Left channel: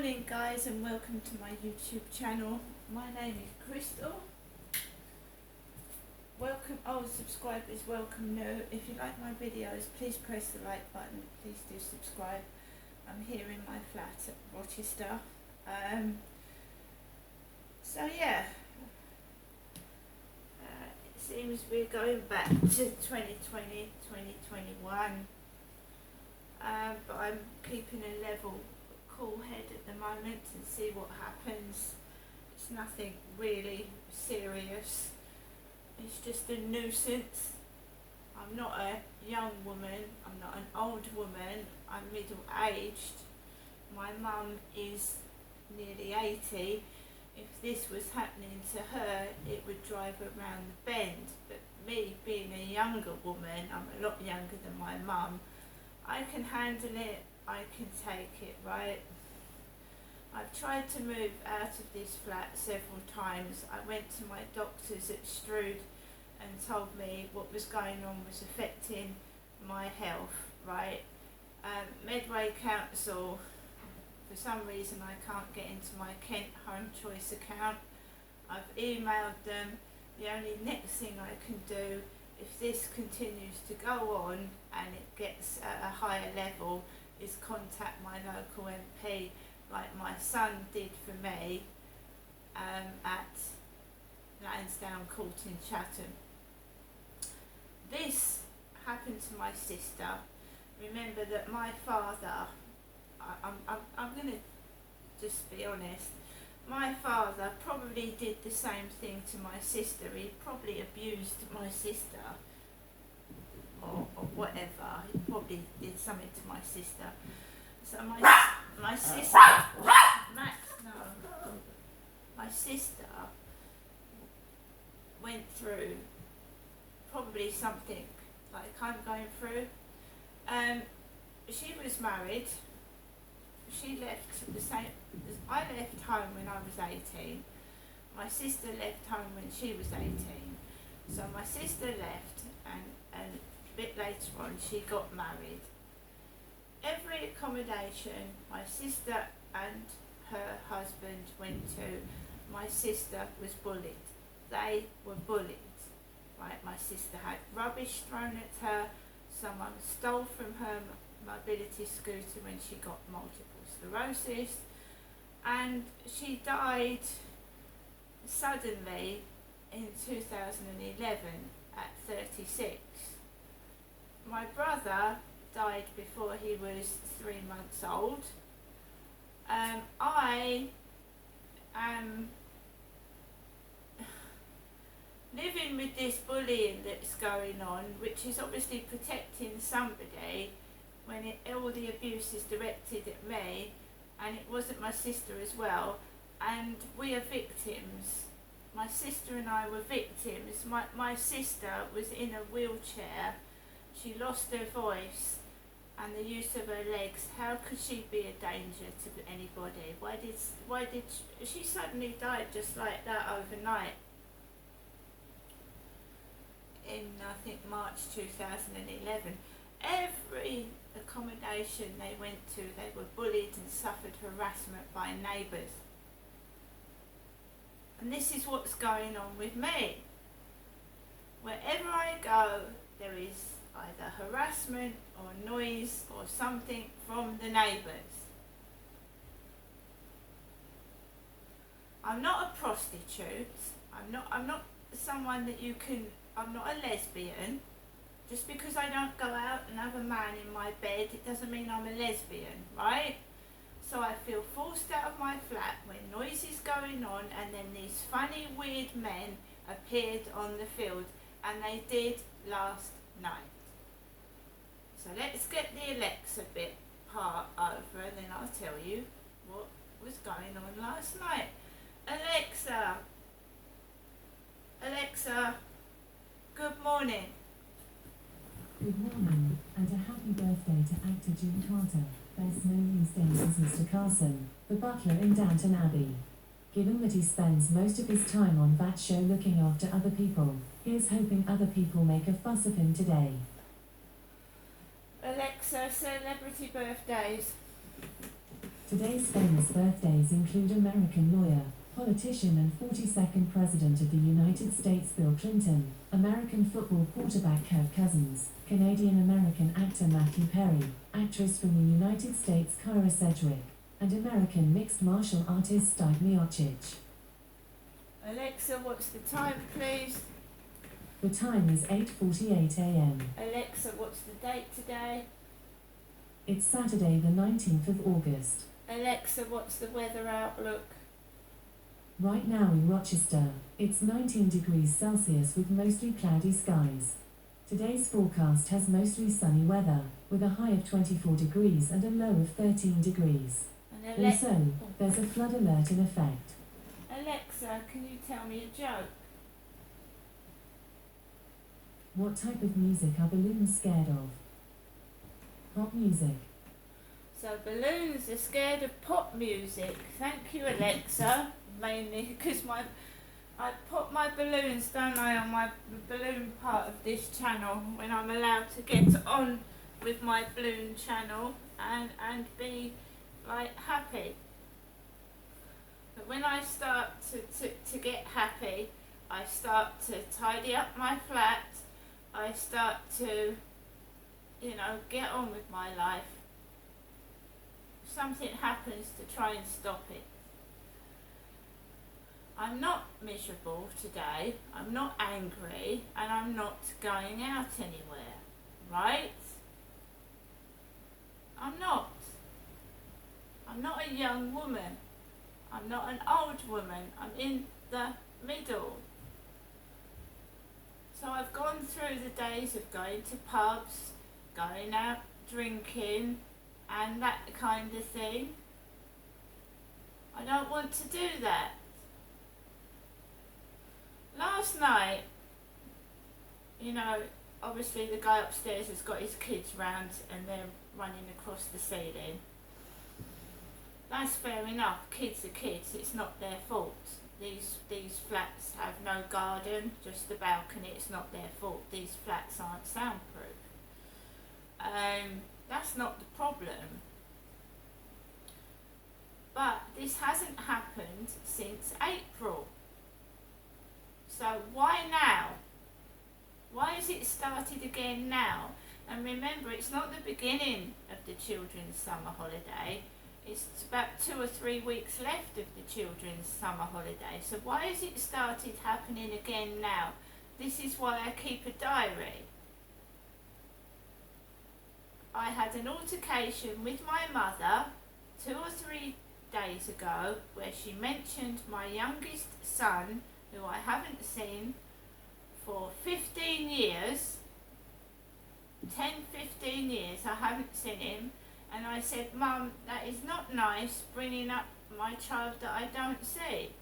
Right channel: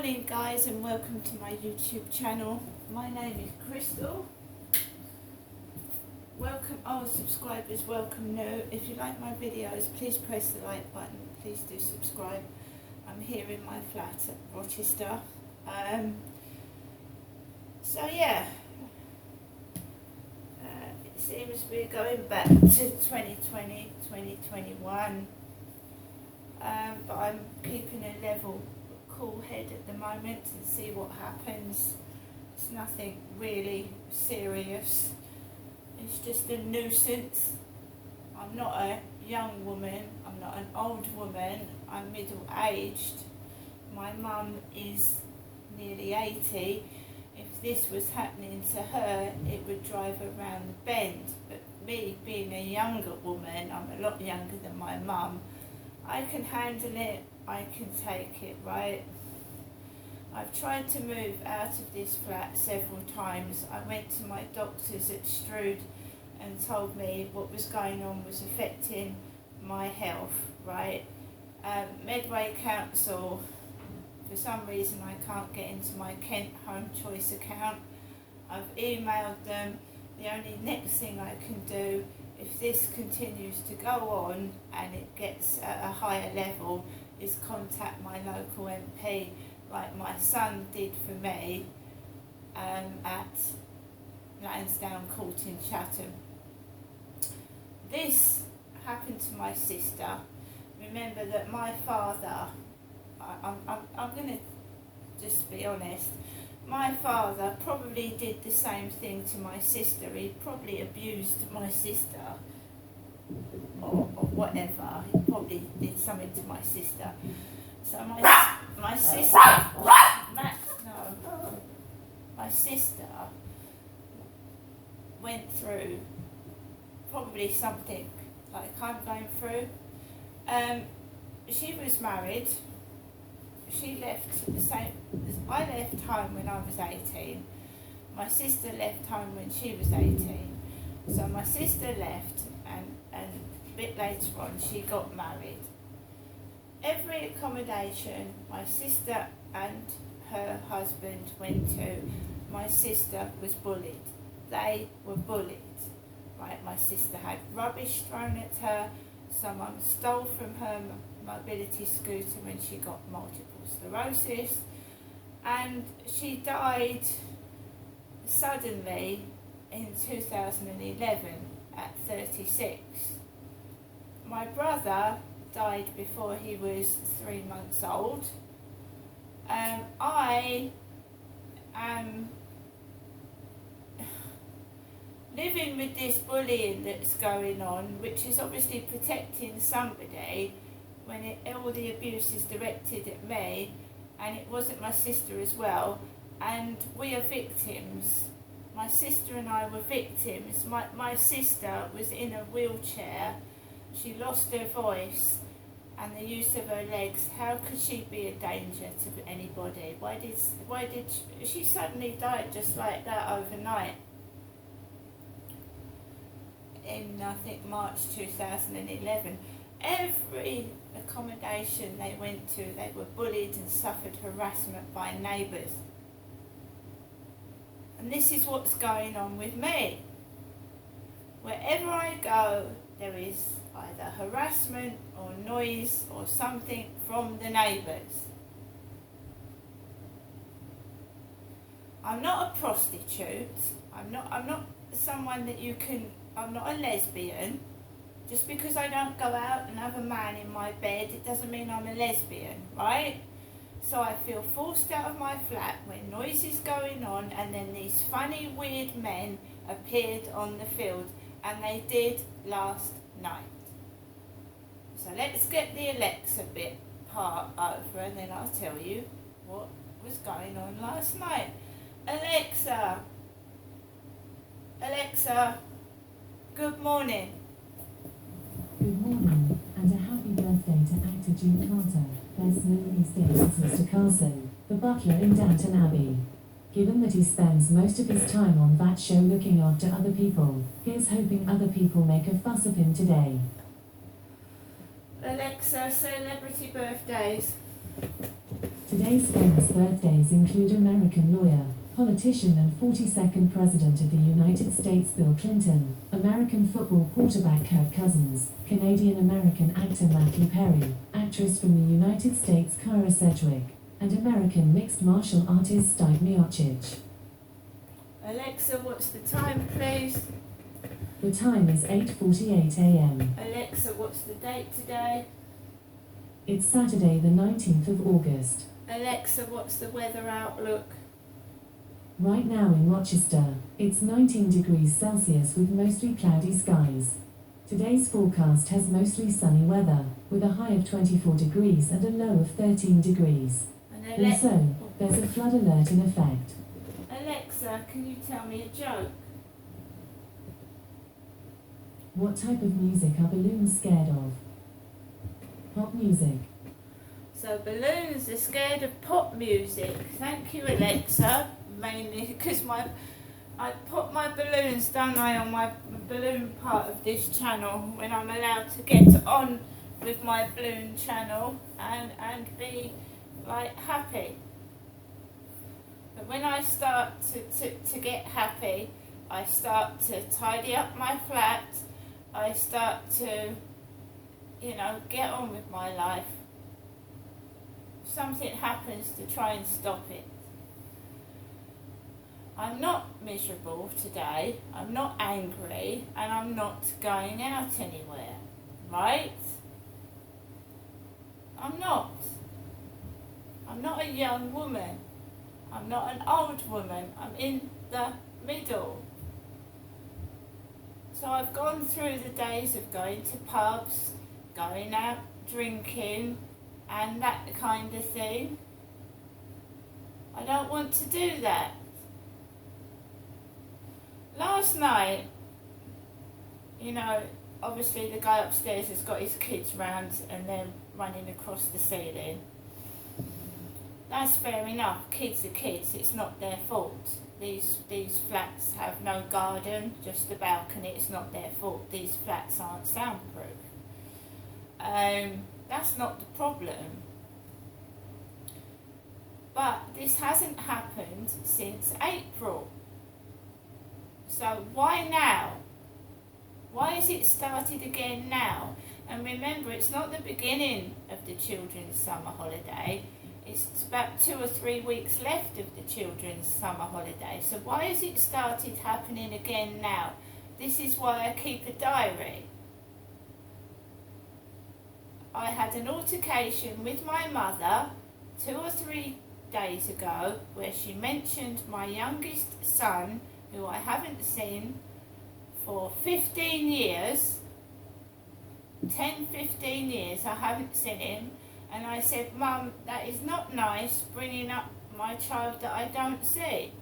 morning guys, and welcome to my YouTube channel. My name is Crystal. Welcome, subscribers, welcome new. If you like my videos, please press the like button, please do subscribe. I'm here in my flat at Rochester. It seems we're going back to 2020, 2021, but I'm keeping a level cool head at the moment and see what happens. It's nothing really serious, it's just a nuisance. I'm not a young woman, I'm not an old woman, I'm middle aged. My mum is nearly 80. If this was happening to her, it would drive her round the bend. But me being a younger woman, I'm a lot younger than my mum, I can handle it, I can take it, right? I've tried to move out of this flat several times. I went to my doctors at Strood and told me what was going on was affecting my health, right? Medway Council, for some reason I can't get into my Kent Home Choice account. I've emailed them. The only next thing I can do, if this continues to go on and it gets at a higher level, is contact my local MP, like my son did for me at Lansdowne Court in Chatham. This happened to my sister. Remember that my father, I'm going to just be honest, my father probably did the same thing to my sister. He probably abused my sister or whatever. He probably did something to my sister. So my sister, my sister went through probably something like I'm going through. She was married. She left the same. I left home when I was 18. My sister left home when she was 18. So my sister left, and a bit later on she got married. Every accommodation my sister and her husband went to, my sister was bullied. They were bullied. Right? My sister had rubbish thrown at her. Someone stole from her mobility scooter when she got multiple sclerosis, and she died suddenly in 2011 at 36. My brother died before he was 3 months old. I am living with this bullying that's going on, which is obviously protecting somebody when all the abuse is directed at me, and it wasn't my sister as well, and we are victims. My sister and I were victims. My sister was in a wheelchair. She lost her voice and the use of her legs. How could she be a danger to anybody? Why did she suddenly died just like that overnight? In I think March 2011. Every accommodation they went to, they were bullied and suffered harassment by neighbours. And this is what's going on with me. Wherever I go, there is either harassment or noise or something from the neighbours. I'm not a prostitute. I'm not someone that you can. I'm not a lesbian. Just because I don't go out and have a man in my bed, it doesn't mean I'm a lesbian, right? So I feel forced out of my flat when noise is going on, and then these funny, weird men appeared on the field, and they did last night. So let's get the Alexa bit part over, and then I'll tell you what was going on last night. Alexa, good morning. Good morning, and a happy birthday to actor June Carter, best known these days as Mr. Carson, the butler in Downton Abbey. Given that he spends most of his time on that show looking after other people, here's hoping other people make a fuss of him today. Alexa, celebrity birthdays. Today's famous birthdays include American lawyer, politician and 42nd President of the United States Bill Clinton, American football quarterback Kirk Cousins, Canadian-American actor Matthew Perry, actress from the United States Kara Sedgwick, and American mixed martial artist Stipe Miocic. Alexa, what's the time, please? The time is 8:48 a.m. Alexa, what's the date today? It's Saturday the 19th of August. Alexa, what's the weather outlook? Right now in Rochester, it's 19 degrees Celsius with mostly cloudy skies. Today's forecast has mostly sunny weather, with a high of 24 degrees and a low of 13 degrees. And Also, there's a flood alert in effect. Alexa, can you tell me a joke? What type of music are balloons scared of? Pop music. So balloons are scared of pop music. Thank you, Alexa. Mainly because I put my balloons, don't I, on my balloon part of this channel when I'm allowed to get on with my balloon channel and be like happy. But when I start to get happy, I start to tidy up my flat. I start to, get on with my life. Something happens to try and stop it. I'm not miserable today, I'm not angry, and I'm not going out anywhere, right? I'm not. I'm not a young woman. I'm not an old woman. I'm in the middle. So I've gone through the days of going to pubs, going out drinking, and that kind of thing. I don't want to do that. Last night, obviously the guy upstairs has got his kids round and they're running across the ceiling. That's fair enough, kids are kids, it's not their fault. These flats have no garden, just a balcony, it's not their fault. These flats aren't soundproof. That's not the problem. But this hasn't happened since April. So why now? Why has it started again now? And remember, it's not the beginning of the children's summer holiday. It's about 2 or 3 weeks left of the children's summer holiday. So why has it started happening again now? This is why I keep a diary. I had an altercation with my mother 2 or 3 days ago where she mentioned my youngest son, who I haven't seen for 15 years, 10, 15 years I haven't seen him, and I said, Mum, that is not nice bringing up my child that I don't see.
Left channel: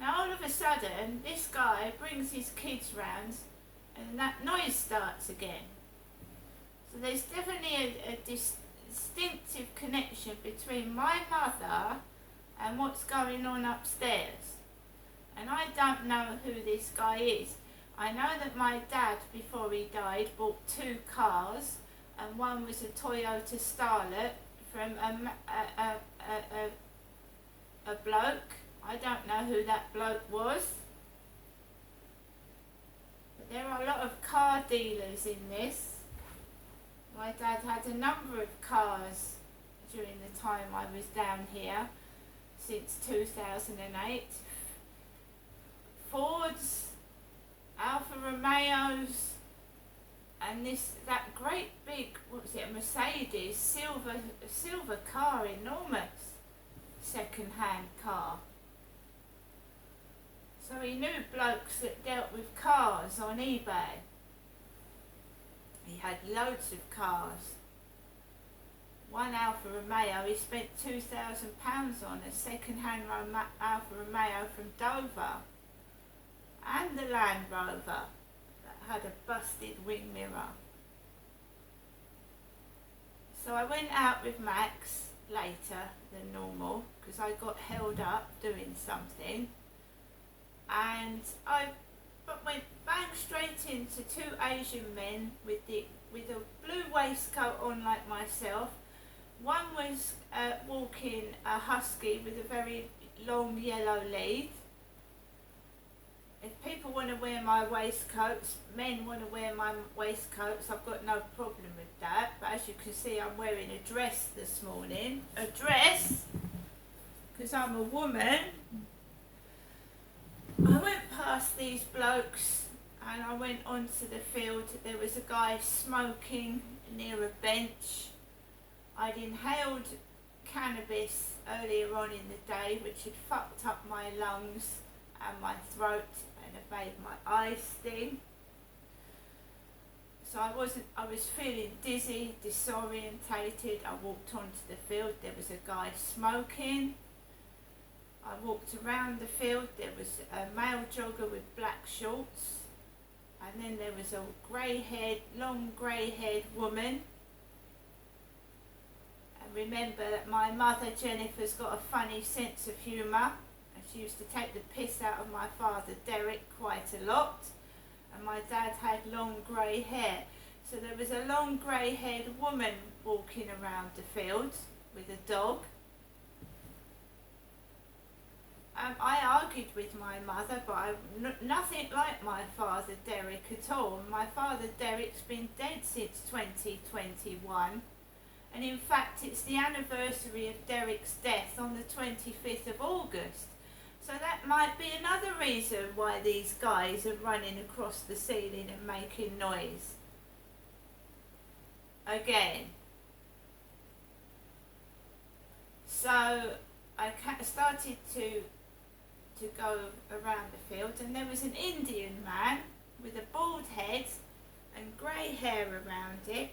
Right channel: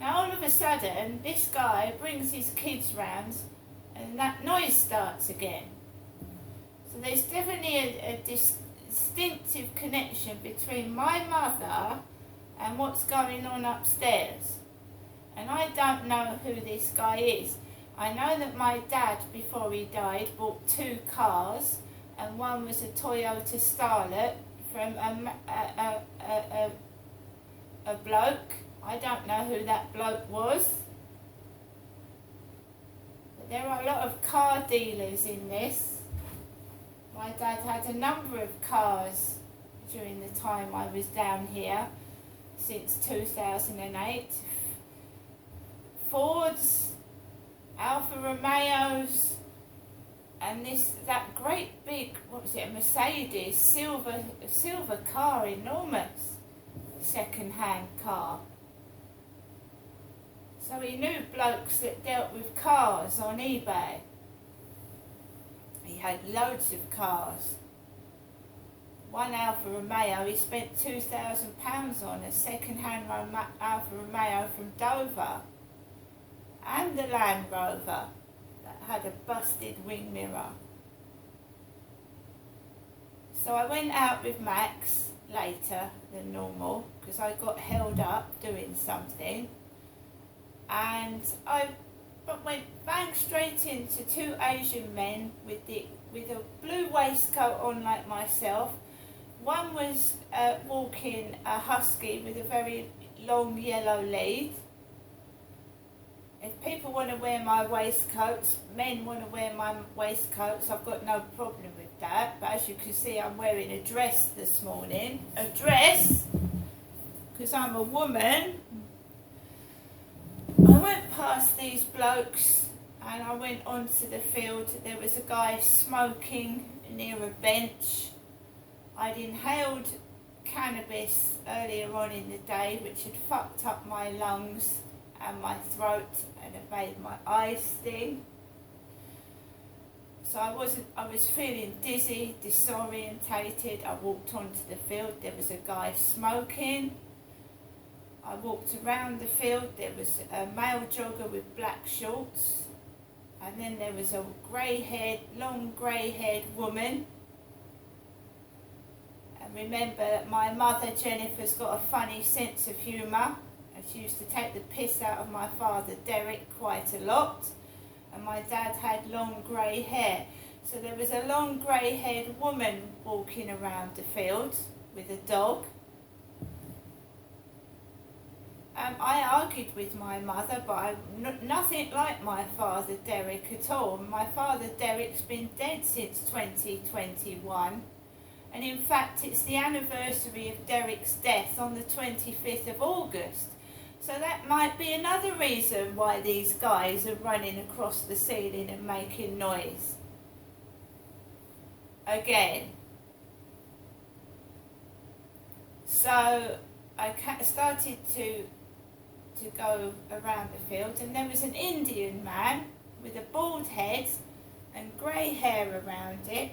Now all of a sudden this guy brings his kids round and that noise starts again. So there's definitely a distinctive connection between my mother and what's going on upstairs. And I don't know who this guy is. I know that my dad, before he died, bought 2 cars, and one was a Toyota Starlet from a bloke. I don't know who that bloke was. But there are a lot of car dealers in this. My dad had a number of cars during the time I was down here, since 2008. Fords, Alfa Romeos, and that great big, what was it, a Mercedes, silver car, enormous second-hand car. So he knew blokes that dealt with cars on eBay. He had loads of cars. One Alfa Romeo he spent £2,000 on, a second-hand Alfa Romeo from Dover. And the Land Rover that had a busted wing mirror. So I went out with Max later than normal because I got held up doing something, and I but went bang straight into two Asian men with a blue waistcoat on like myself. One was walking a husky with a very long yellow lead. If people want to wear my waistcoats, men want to wear my waistcoats, I've got no problem with that. But as you can see, I'm wearing a dress this morning. A dress, because I'm a woman. I went past these blokes and I went onto the field. There was a guy smoking near a bench. I'd inhaled cannabis earlier on in the day, which had fucked up my lungs and my throat and it made my eyes sting. So I was feeling dizzy, disorientated. I walked onto the field, there was a guy smoking. I walked around the field, there was a male jogger with black shorts, and then there was a long grey-haired woman. And remember, my mother Jennifer's got a funny sense of humour, and she used to take the piss out of my father Derek quite a lot, and my dad had long grey hair. So there was a long grey-haired woman walking around the field with a dog. I argued with my mother, but I'm nothing like my father Derek at all. My father Derek's been dead since 2021, and in fact it's the anniversary of Derek's death on the 25th of August. So that might be another reason why these guys are running across the ceiling and making noise. Again. So I started to go around the field, and there was an Indian man with a bald head and grey hair around it,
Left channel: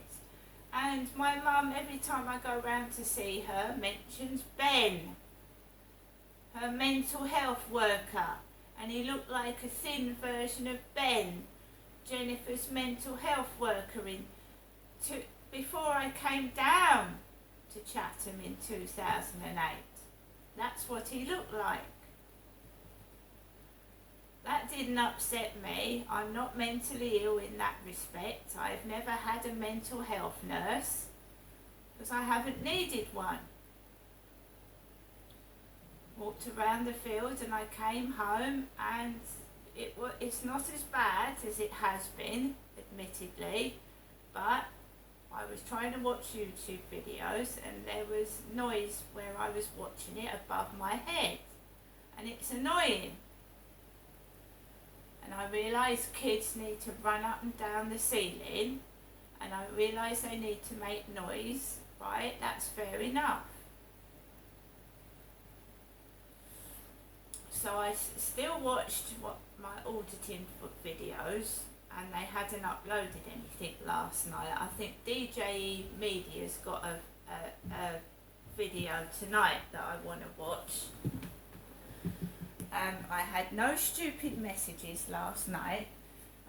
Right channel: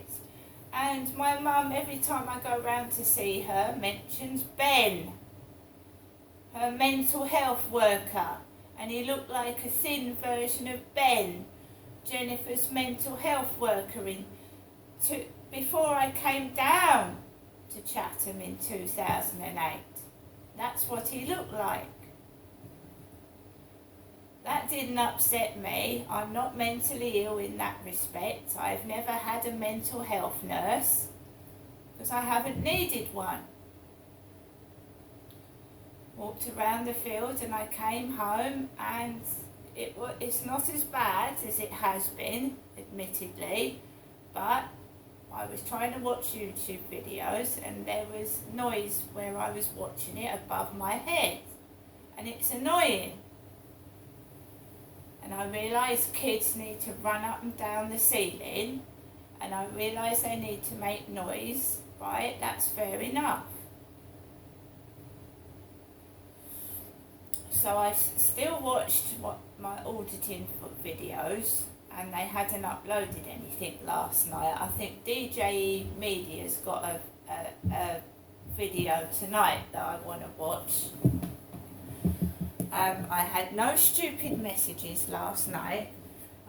and my mum, every time I go round to see her, mentions Ben, her mental health worker, and he looked like a thin version of Ben, Jennifer's mental health worker, before I came down to Chatham in 2008. That's what he looked like. That didn't upset me. I'm not mentally ill in that respect. I've never had a mental health nurse because I haven't needed one. Walked around the field and I came home, and it's not as bad as it has been, admittedly, but I was trying to watch YouTube videos and there was noise where I was watching it above my head, and it's annoying. And I realised kids need to run up and down the ceiling, and I realised they need to make noise, right? That's fair enough. So I still watched my auditing videos, and they hadn't uploaded anything last night. I think DJE Media's got a video tonight that I want to watch. I had no stupid messages last night.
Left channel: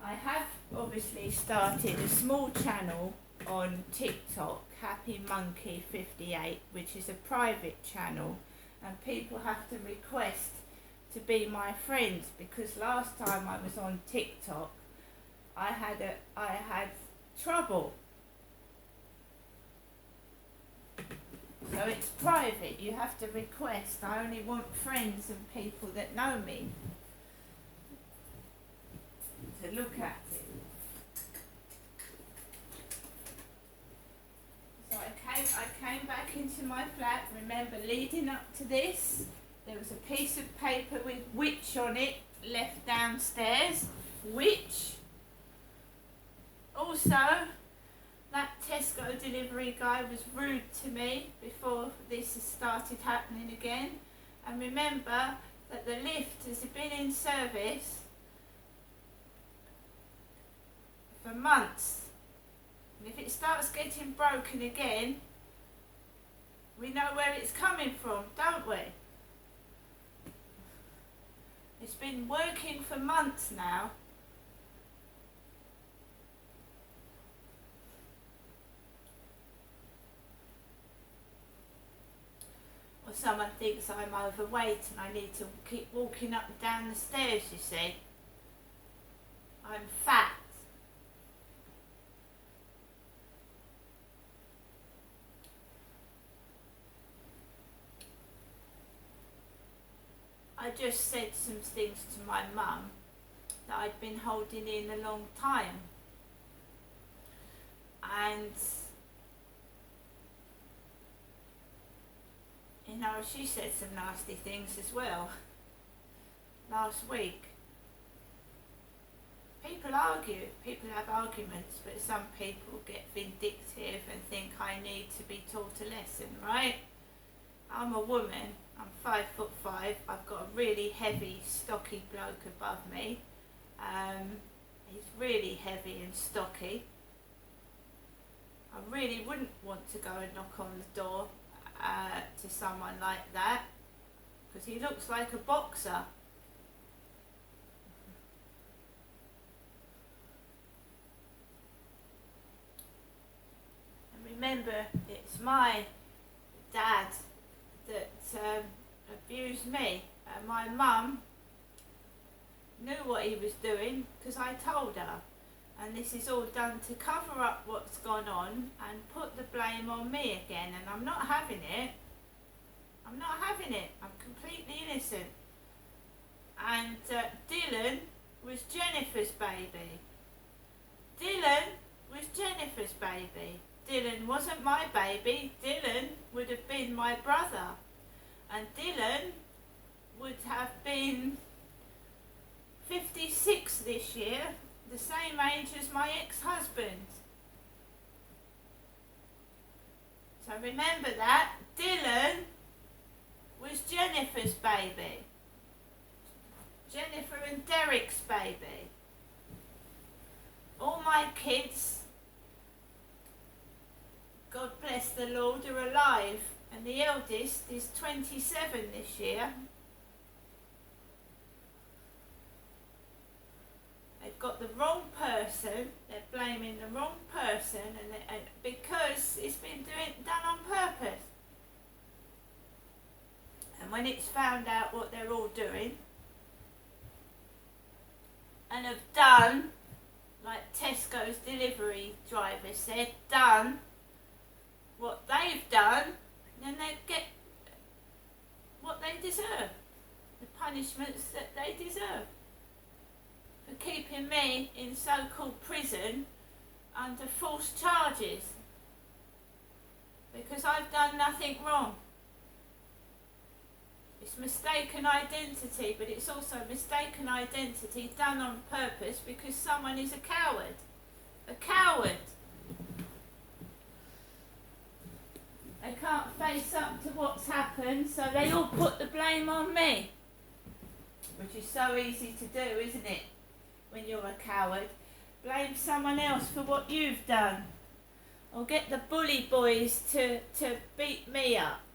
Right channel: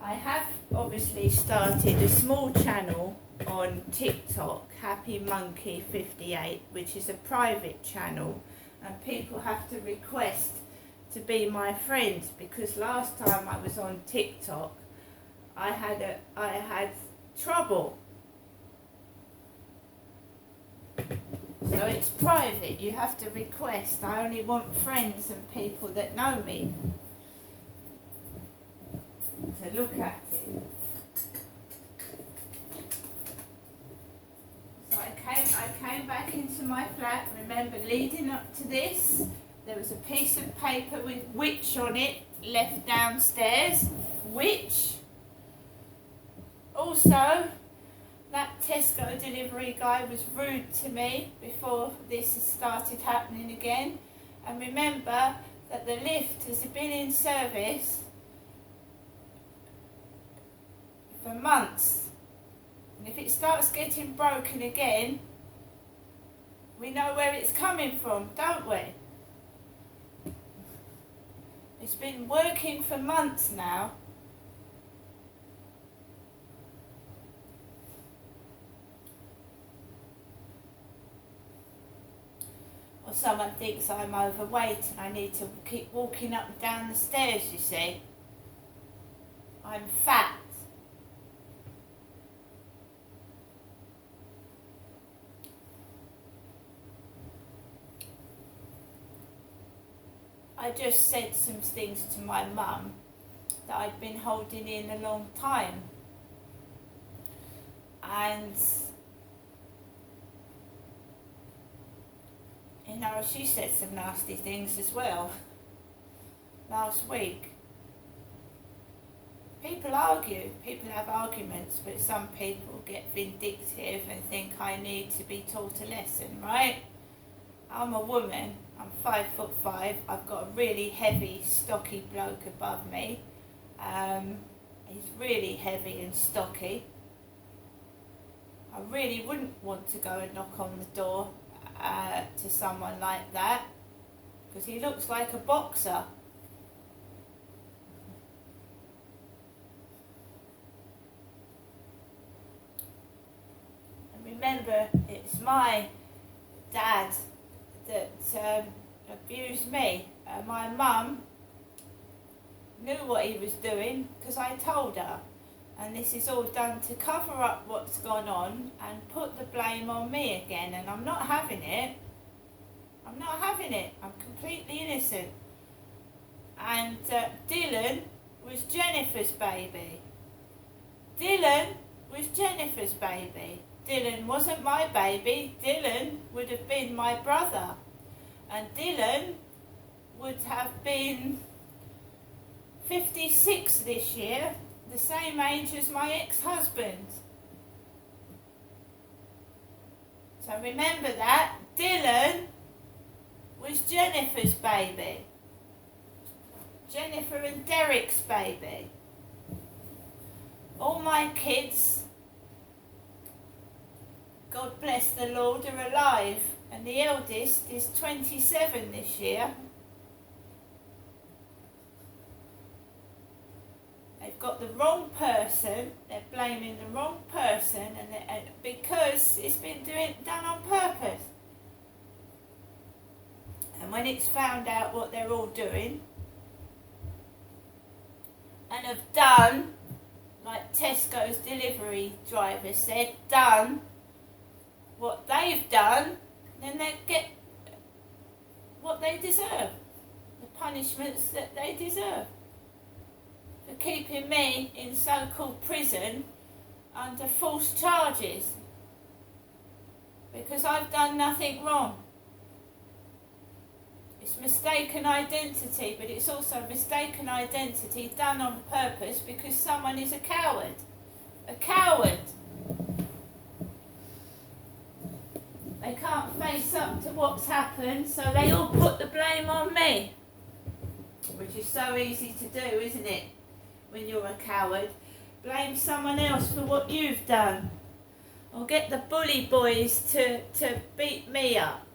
I have obviously started a small channel on TikTok, Happy Monkey 58, which is a private channel, and people have to request to be my friend, because last time I was on TikTok I had trouble. So it's private, you have to request. I only want friends and people that know me to look at it. So I came back into my flat. Remember, leading up to this, there was a piece of paper with witch on it left downstairs. Witch. Also, that Tesco delivery guy was rude to me before this has started happening again. And remember that the lift has been in service for months. And if it starts getting broken again, we know where it's coming from, don't we? It's been working for months now. Or someone thinks I'm overweight and I need to keep walking up and down the stairs, you see. I'm fat. I just said some things to my mum that I'd been holding in a long time. And, you know, she said some nasty things as well last week. People argue, people have arguments, but some people get vindictive and think I need to be taught a lesson, right? I'm a woman, I'm 5'5", I've got a really heavy, stocky bloke above me. He's really heavy and stocky. I really wouldn't want to go and knock on the door to someone like that, because he looks like a boxer. And remember, it's my dad that abused me. My mum knew what he was doing because I told her. And this is all done to cover up what's gone on and put the blame on me again. And I'm not having it. I'm not having it. I'm completely innocent. And Dylan was Jennifer's baby. Dylan was Jennifer's baby. Dylan wasn't my baby. Dylan would have been my brother. And Dylan would have been 56 this year, the same age as my ex-husband. So remember that. Dylan was Jennifer's baby. Jennifer and Derek's baby. All my kids, God bless the Lord, are alive. And the eldest is 27 this year. They've got the wrong person, they're blaming the wrong person, and because it's been done on purpose. And when it's found out what they're all doing, and have done, like Tesco's delivery driver said, done what they've done, then they get what they deserve, the punishments that they deserve. For keeping me in so-called prison under false charges, because I've done nothing wrong. It's mistaken identity, but it's also mistaken identity done on purpose because someone is a coward. A coward. They can't face up to what's happened, so they all put the blame on me. Which is so easy to do, isn't it? When you're a coward. Blame someone else for what you've done. Or get the bully boys to beat me up.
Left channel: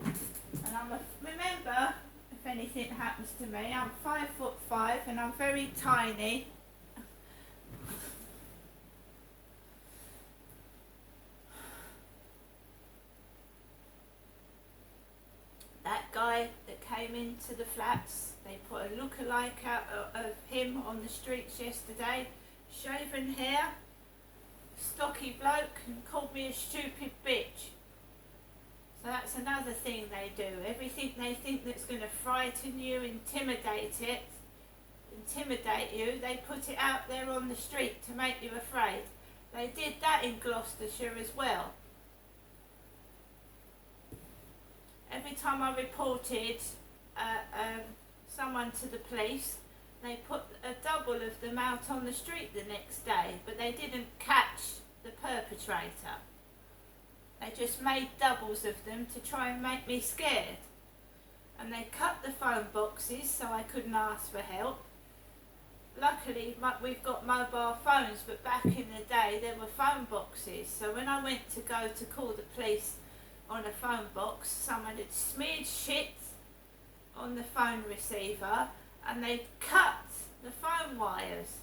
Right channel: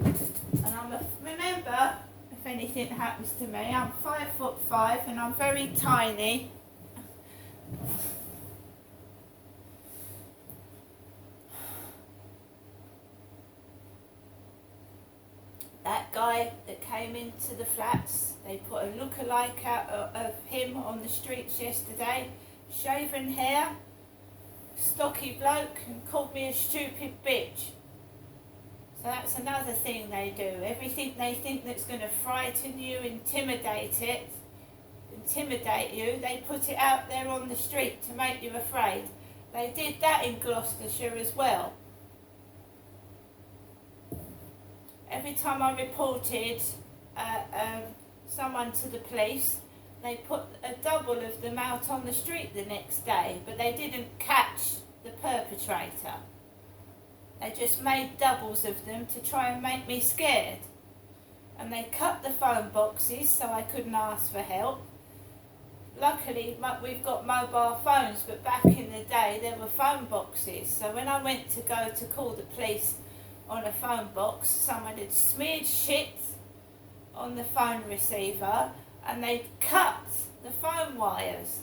And remember, if anything happens to me, I'm 5'5" and I'm very tiny. That guy that came into the flats, they put a look-alike out of him on the streets yesterday, shaven hair, stocky bloke, and called me a stupid bitch. So that's another thing they do. Everything they think that's going to frighten you, intimidate you, they put it out there on the street to make you afraid. They did that in Gloucestershire as well. Every time I reported someone to the police, they put a double of them out on the street the next day, but they didn't catch the perpetrator. They just made doubles of them to try and make me scared. And they cut the phone boxes so I couldn't ask for help. Luckily, we've got mobile phones, but back in the day there were phone boxes. So when I went to go to call the police on a phone box, someone had smeared shit on the phone receiver and they'd cut the phone wires.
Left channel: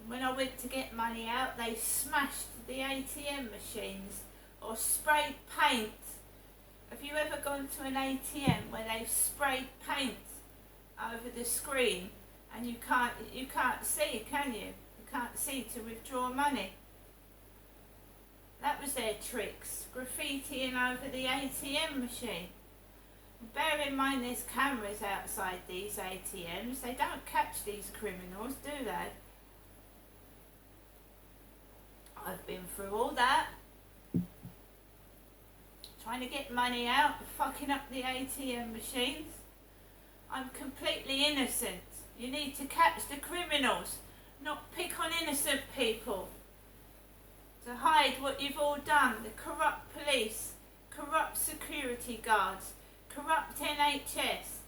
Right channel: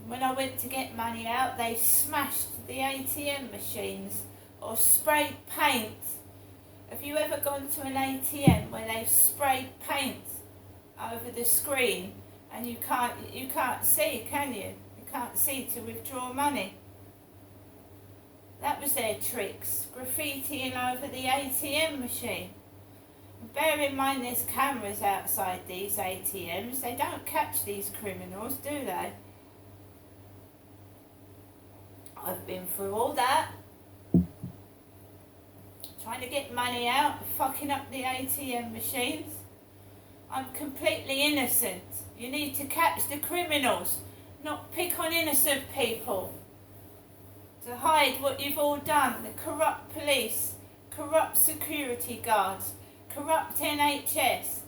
And when I went to get money out, they smashed the ATM machines or sprayed paint. Have you ever gone to an ATM where they've sprayed paint over the screen, and you can't see, can you? You can't see to withdraw money. That was their tricks, graffitiing over the ATM machine. And bear in mind there's cameras outside these ATMs. They don't catch these criminals, do they? I've been through all that. Trying to get money out, fucking up the ATM machines. I'm completely innocent. You need to catch the criminals, not pick on innocent people. To hide what you've all done, the corrupt police, corrupt security guards, corrupt NHS.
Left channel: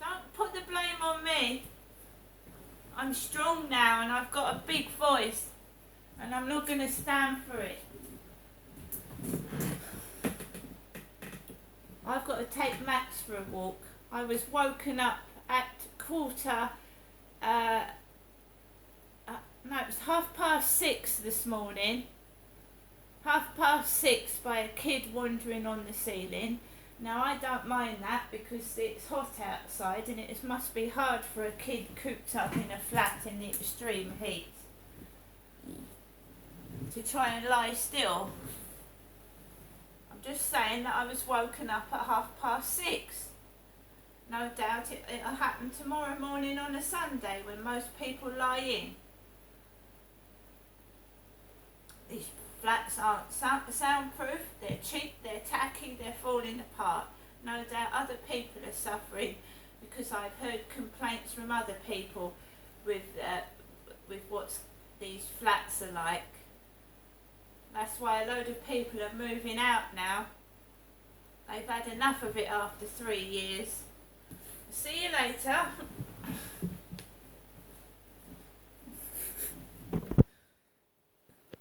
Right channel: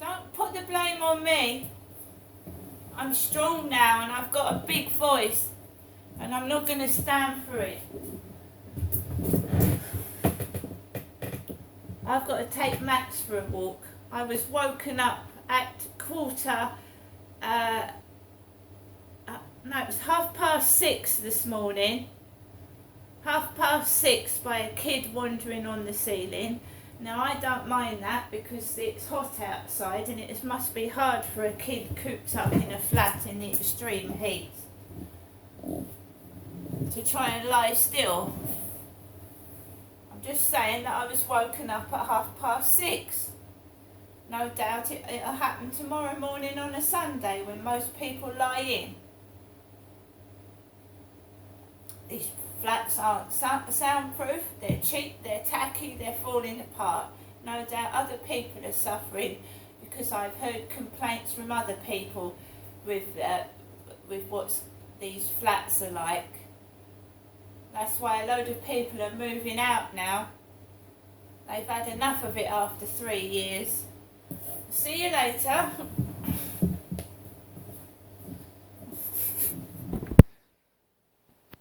Don't put the blame on me. I'm strong now and I've got a big voice, and I'm not going to stand for it. I've got to take Max for a walk. I was woken up at it was 6:30 this morning. 6:30 by a kid wandering on the ceiling. Now I don't mind that because it's hot outside and it must be hard for a kid cooped up in a flat in the extreme heat to try and lie still. I'm just saying that I was woken up at 6:30. No doubt it'll happen tomorrow morning on a Sunday when most people lie in. These flats aren't soundproof, they're cheap, they're tacky, they're falling apart. No doubt other people are suffering because I've heard complaints from other people with what these flats are like. That's why a load of people are moving out now. They've had enough of it after 3 years. See you later.